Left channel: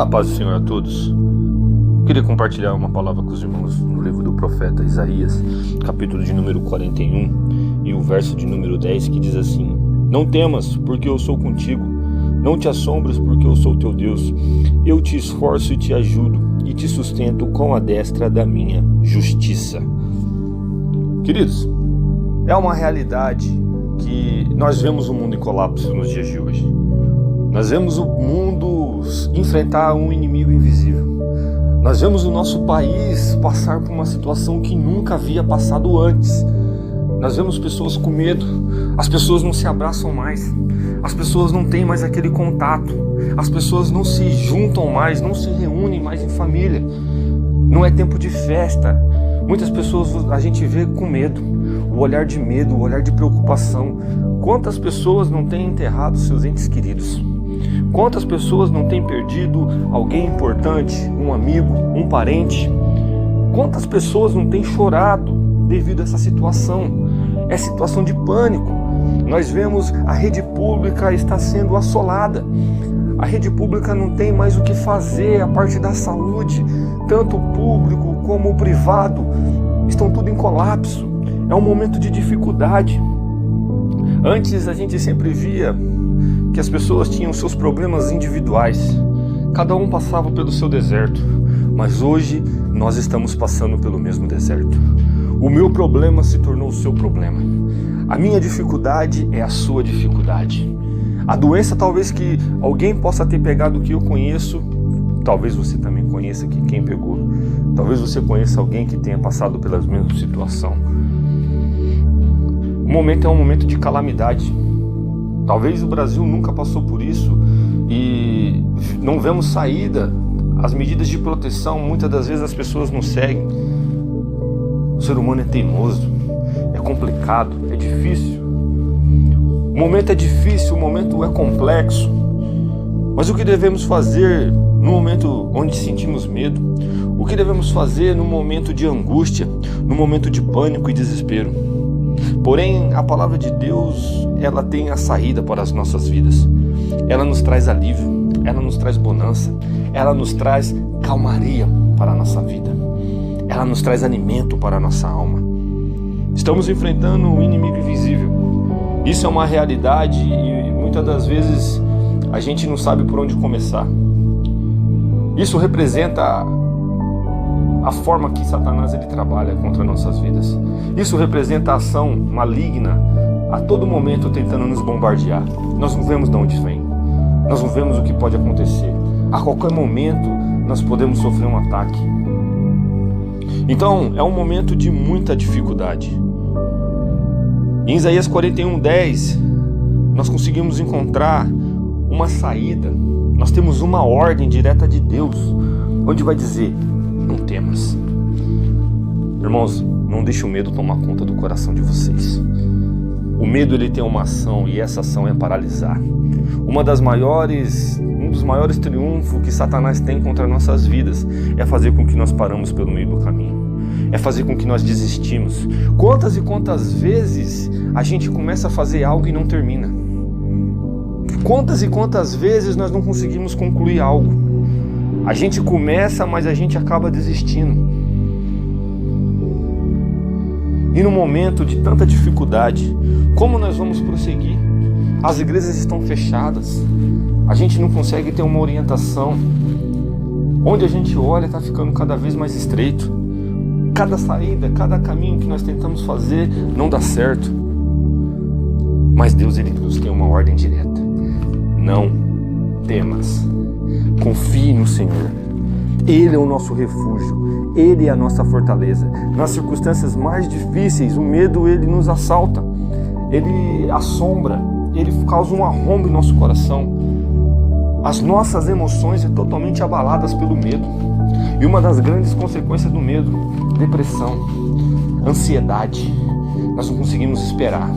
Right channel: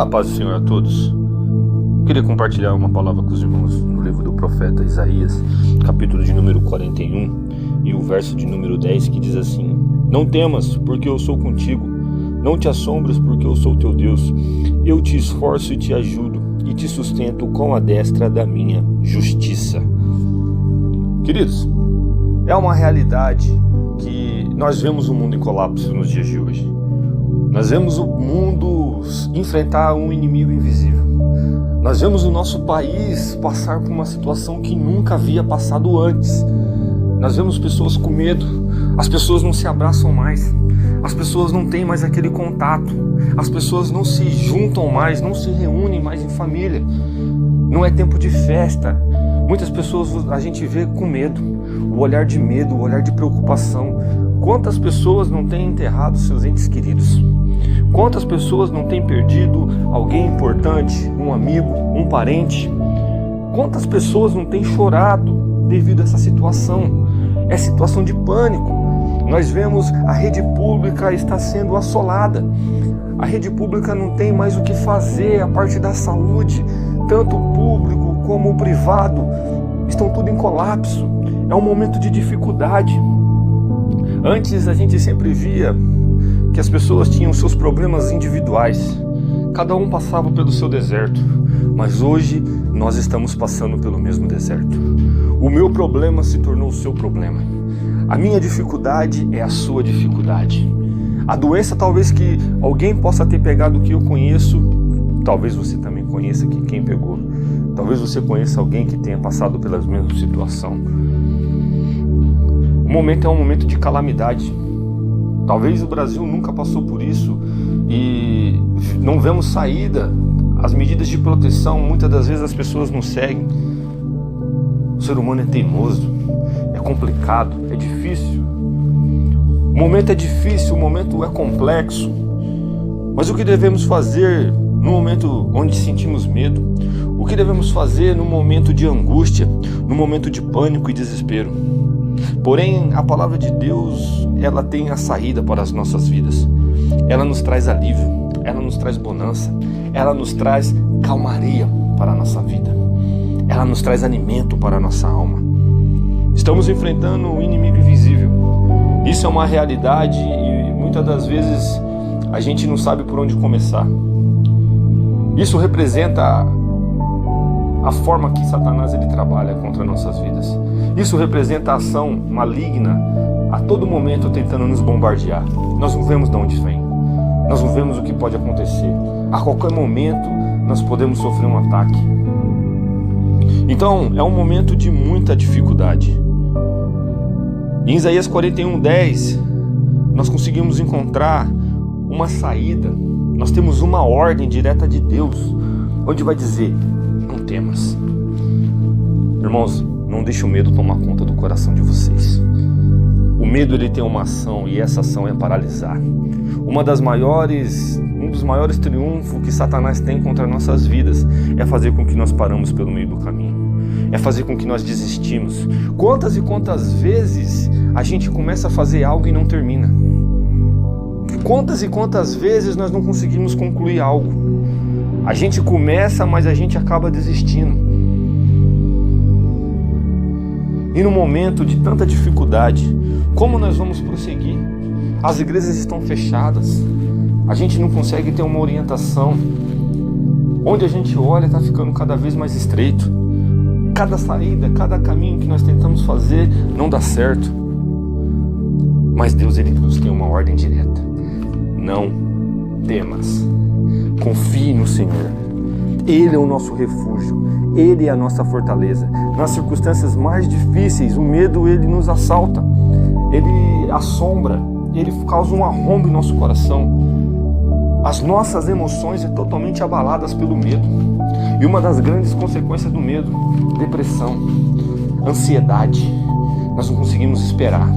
A paz do Senhor a todos. Queria compartilhar uma palavra com os irmãos no livro do profeta Isaías, capítulo de número 41 e o verso de número 10, que diz assim: Não temas, porque eu sou contigo. Não te assombres, porque eu sou teu Deus. Eu te esforço e te ajudo, e te sustento com a destra da minha justiça. Queridos, é uma realidade que nós vemos o mundo em colapso nos dias de hoje. Nós vemos o mundo enfrentar um inimigo invisível. Nós vemos o nosso país passar por uma situação que nunca havia passado antes. Nós vemos pessoas com medo, as pessoas não se abraçam mais, as pessoas não têm mais aquele contato, as pessoas não se juntam mais, não se reúnem mais em família. Não é tempo de festa. Muitas pessoas a gente vê com medo, o olhar de medo, o olhar de preocupação. Quantas pessoas não têm enterrado seus entes queridos? Quantas pessoas não têm perdido alguém importante, um amigo, um parente? Quantas pessoas não têm chorado devido a essa situação? É situação de pânico. Nós vemos a rede pública está sendo assolada. A rede pública não tem mais o que fazer, a parte da saúde, tanto o público como o privado, estão tudo em colapso. É um momento de dificuldade. Antes a gente sempre via que as pessoas tinham seus problemas individuais, cada um passava pelo seu deserto, mas hoje nós estamos passando pelo mesmo deserto. O meu problema se tornou o seu problema, a minha dificuldade é a sua dificuldade. A doença talvez que alguém possa ter pegado que eu conheço, talvez você também conheça que quem pegou, talvez você conheça alguém que tenha passado pela mesma situação. O momento é um momento de calamidade. Talvez o Brasil nunca passou por isso e não vemos saída. As medidas de proteção, muitas das vezes as pessoas não seguem. O ser humano é teimoso, é complicado, é difícil. O momento é difícil, o momento é complexo. Mas o que devemos fazer no momento onde sentimos medo? O que devemos fazer no momento de angústia, no momento de pânico e desespero? Porém, a palavra de Deus, ela tem a saída para as nossas vidas. Ela nos traz alívio, ela nos traz bonança, ela nos traz calmaria para a nossa vida. Ela nos traz alimento para a nossa alma. Estamos enfrentando um inimigo invisível. Isso é uma realidade e muitas das vezes a gente não sabe por onde começar. Isso representa a forma que Satanás ele trabalha contra nossas vidas. Isso representa a ação maligna a todo momento tentando nos bombardear. Nós não vemos de onde vem. Nós não vemos o que pode acontecer. A qualquer momento nós podemos sofrer um ataque. Então é um momento de muita dificuldade. Em Isaías 41:10 nós conseguimos encontrar uma saída. Nós temos uma ordem direta de Deus, onde vai dizer: não temas. Irmãos, não deixe o medo tomar conta do coração de vocês. O medo ele tem uma ação e essa ação é paralisar. Um dos maiores triunfos que Satanás tem contra nossas vidas é fazer com que nós paramos pelo meio do caminho. É fazer com que nós desistimos. Quantas e quantas vezes a gente começa a fazer algo e não termina? Quantas e quantas vezes nós não conseguimos concluir algo? A gente começa, mas a gente acaba desistindo. E no momento de tanta dificuldade, como nós vamos prosseguir? As igrejas estão fechadas, a gente não consegue ter uma orientação. Onde a gente olha está ficando cada vez mais estreito. Cada saída, cada caminho que nós tentamos fazer não dá certo. Mas Deus ele nos tem uma ordem direta. Não temas. Confie no Senhor. Ele é o nosso refúgio. Ele é a nossa fortaleza. Nas circunstâncias mais difíceis, o medo ele nos assalta. Ele assombra. Ele causa um arrombo em nosso coração. As nossas emoções são totalmente abaladas pelo medo. E uma das grandes consequências do medo, depressão, ansiedade. Nós não conseguimos esperar.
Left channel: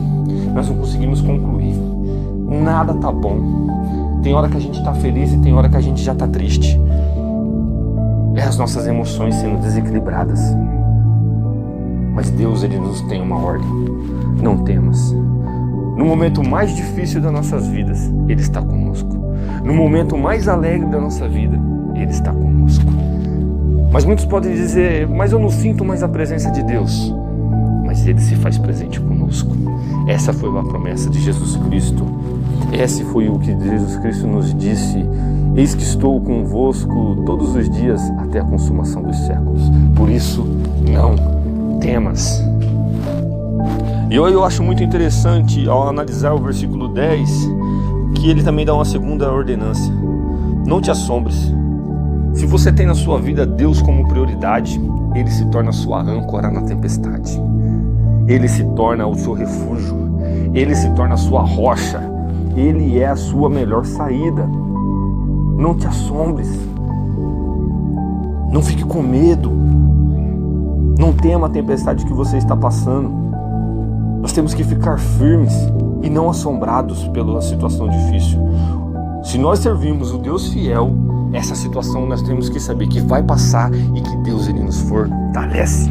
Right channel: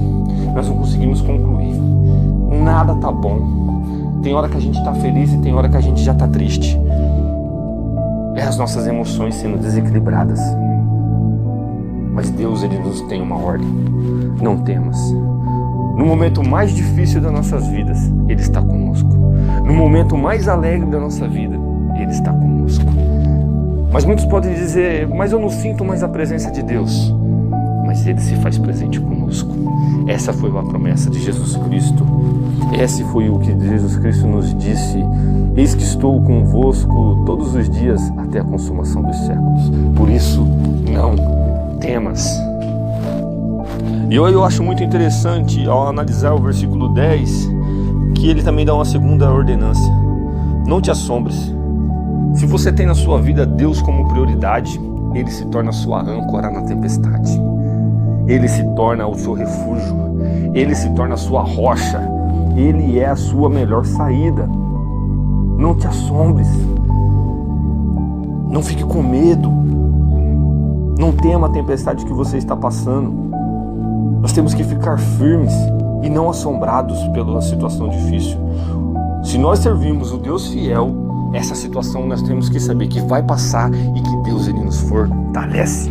Nós não conseguimos concluir. Nada tá bom. Tem hora que a gente está feliz e tem hora que a gente já está triste. É as nossas emoções sendo desequilibradas. Mas Deus ele nos tem uma ordem. Não temas. No momento mais difícil das nossas vidas, Ele está conosco. No momento mais alegre da nossa vida, Ele está conosco. Mas muitos podem dizer, mas eu não sinto mais a presença de Deus. Mas Ele se faz presente conosco. Essa foi a promessa de Jesus Cristo. Esse foi o que Jesus Cristo nos disse: eis que estou convosco todos os dias até a consumação dos séculos. Por isso, não temas. E eu acho muito interessante, ao analisar o versículo 10, que ele também dá uma segunda ordenança: não te assombres. Se você tem na sua vida Deus como prioridade, Ele se torna a sua âncora na tempestade. Ele se torna o seu refúgio. Ele se torna a sua rocha. Ele é a sua melhor saída. Não te assombres. Não fique com medo. Não tema a tempestade que você está passando. Nós temos que ficar firmes e não assombrados pela situação difícil. Se nós servimos o Deus fiel, essa situação nós temos que saber que vai passar e que Deus Ele nos fortalece.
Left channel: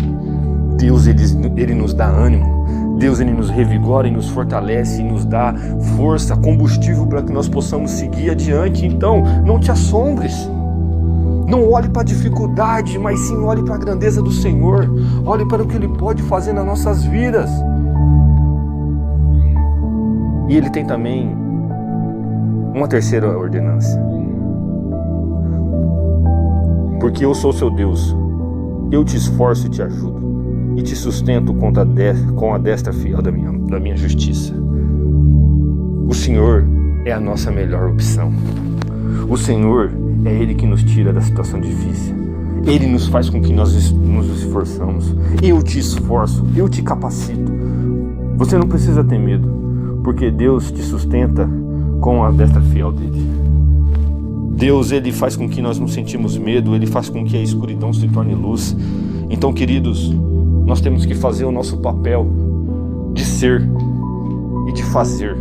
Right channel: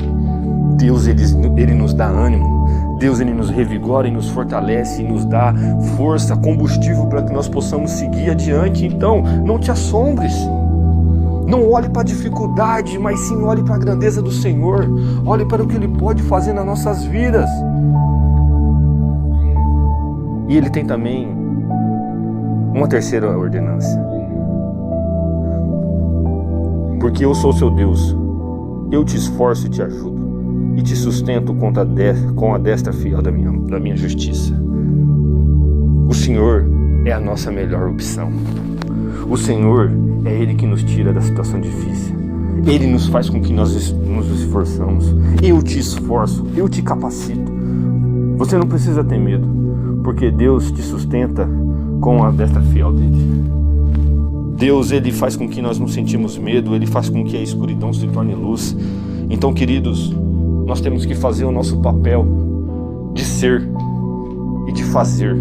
Deus ele nos dá ânimo. Deus Ele nos revigora e nos fortalece e nos dá força, combustível para que nós possamos seguir adiante. Então, não te assombres. Não olhe para a dificuldade, mas sim olhe para a grandeza do Senhor. Olhe para o que Ele pode fazer nas nossas vidas. E Ele tem também uma terceira ordenança. Porque eu sou seu Deus, eu te esforço e te ajudo, e te sustento com a destra fiel da minha justiça. O Senhor é a nossa melhor opção. O Senhor é Ele que nos tira da situação difícil. Ele nos faz com que nós nos esforçamos. Eu te esforço, eu te capacito. Você não precisa ter medo, porque Deus te sustenta com a destra fiel dele. Deus, Ele faz com que nós não sentimos medo, Ele faz com que a escuridão se torne luz. Então, queridos, nós temos que fazer o nosso papel de ser e de fazer.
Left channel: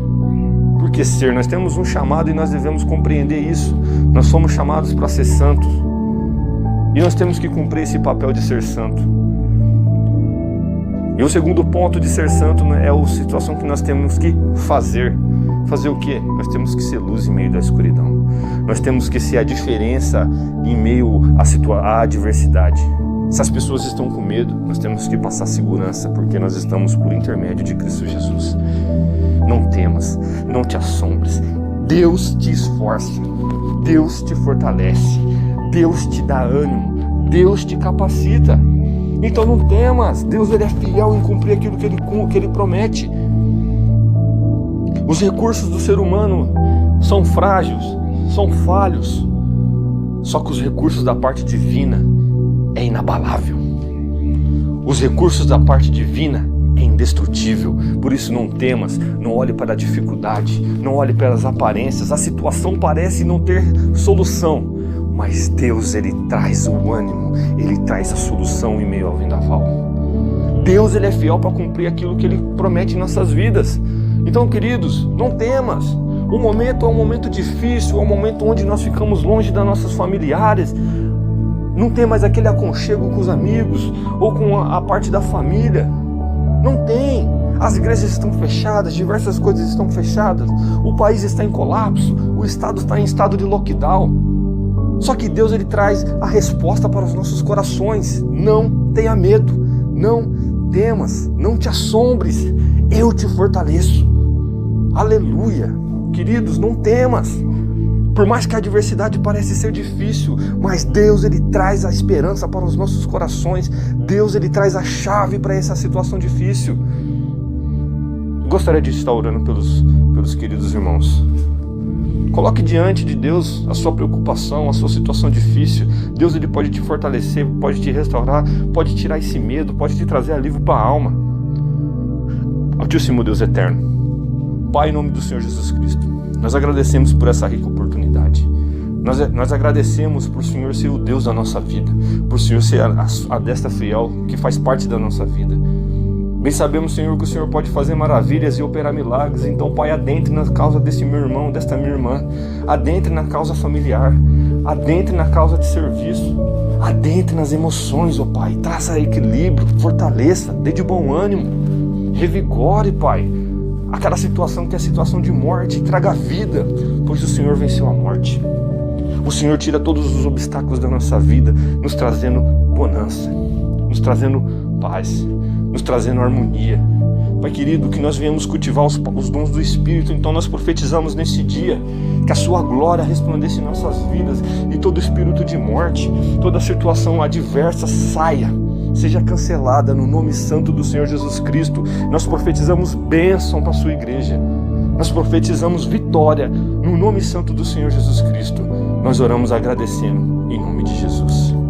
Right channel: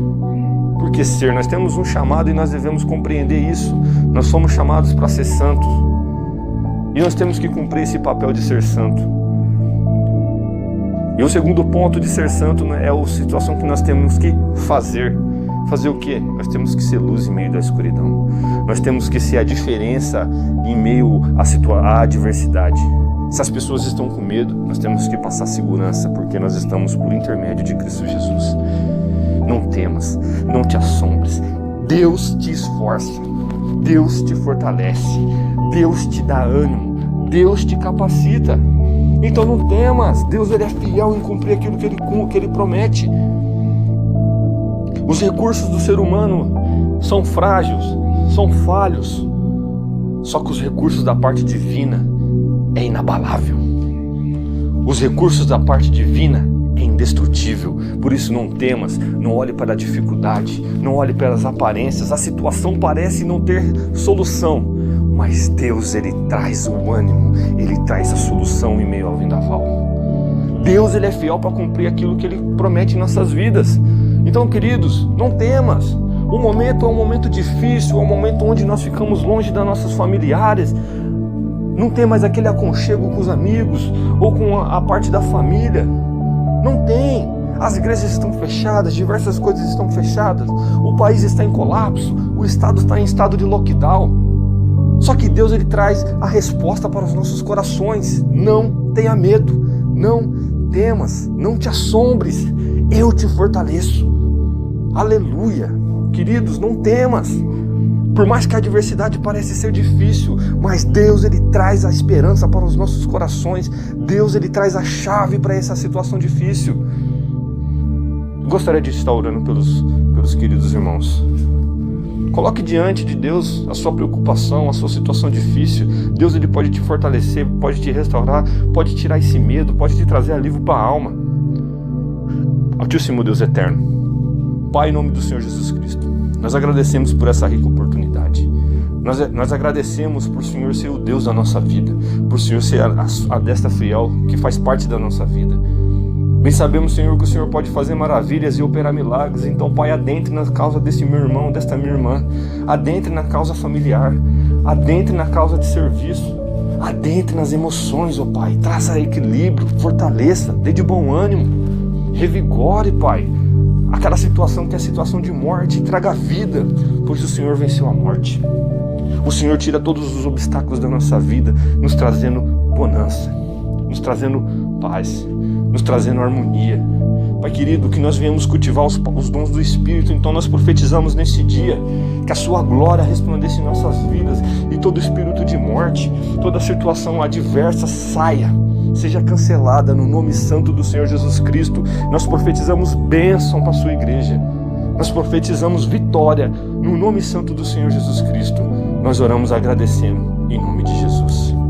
Porque ser, nós temos um chamado e nós devemos compreender isso. Nós somos chamados para ser santos. E nós temos que cumprir esse papel de ser santo. E o segundo ponto de ser santo é a situação que nós temos que fazer. Fazer o quê? Nós temos que ser luz em meio da escuridão. Nós temos que ser a diferença em meio à adversidade. Se as pessoas estão com medo, nós temos que passar segurança, porque nós estamos por intermédio de Cristo Jesus. Não temas, não te assombres. Deus te esforça, Deus te fortalece, Deus te dá ânimo, Deus te capacita. Então não temas, Deus Ele é fiel em cumprir aquilo que Ele promete. Os recursos do ser humano são frágeis, são falhos. Só que os recursos da parte divina é inabalável. Os recursos da parte divina é indestrutível. Por isso não temas, não olhe para a dificuldade, não olhe para as aparências. A situação parece não ter solução, mas Deus Ele traz o ânimo, Ele traz a solução em meio ao vendaval. Deus Ele é fiel para cumprir aquilo que Ele promete em nossas vidas. Então, queridos, não temas. O momento é um momento difícil, é um momento onde nós ficamos longe das nossas familiares. Não tem mais aquele aconchego com os amigos ou com a parte da família. Não tem. As igrejas estão fechadas, diversas coisas estão fechadas. O país está em colapso, o estado está em estado de lockdown. Só que Deus Ele traz a resposta para os nossos corações. Não tenha medo, não temas, não te assombres. Eu te fortaleço. Aleluia. Queridos, não temas. Por mais que a adversidade pareça ser difícil, mas Deus Ele traz a esperança para os nossos corações. Deus Ele traz a chave para essa situação difícil. Gostaria de estar orando pelos queridos irmãos. Coloque diante de Deus a sua preocupação, a sua situação difícil. Deus Ele pode te fortalecer, pode te restaurar, pode tirar esse medo, pode te trazer alívio para a alma. Altíssimo Deus eterno, Pai, em nome do Senhor Jesus Cristo, nós agradecemos por essa rica oportunidade. Nós agradecemos por o Senhor ser o Deus da nossa vida, por o Senhor ser a destra fiel que faz parte da nossa vida. Bem sabemos, Senhor, que o Senhor pode fazer maravilhas e operar milagres. Então, Pai, adentre na causa desse meu irmão, desta minha irmã. Adentre na causa familiar. Adentre na causa de serviço. Adentre nas emoções, ó Pai. Traça equilíbrio, fortaleça, dê de bom ânimo. Revigore, Pai, aquela situação que é a situação de morte. Traga vida, pois o Senhor venceu a morte. O Senhor tira todos os obstáculos da nossa vida, nos trazendo bonança, nos trazendo paz, nos trazendo harmonia. Pai querido, que nós venhamos cultivar os dons do Espírito. Então nós profetizamos nesse dia que a sua glória resplandeça em nossas vidas e todo espírito de morte, toda situação adversa saia, seja cancelada no nome santo do Senhor Jesus Cristo. Nós profetizamos bênção para a sua igreja. Nós profetizamos vitória no nome santo do Senhor Jesus Cristo. Nós oramos agradecendo em nome de Jesus.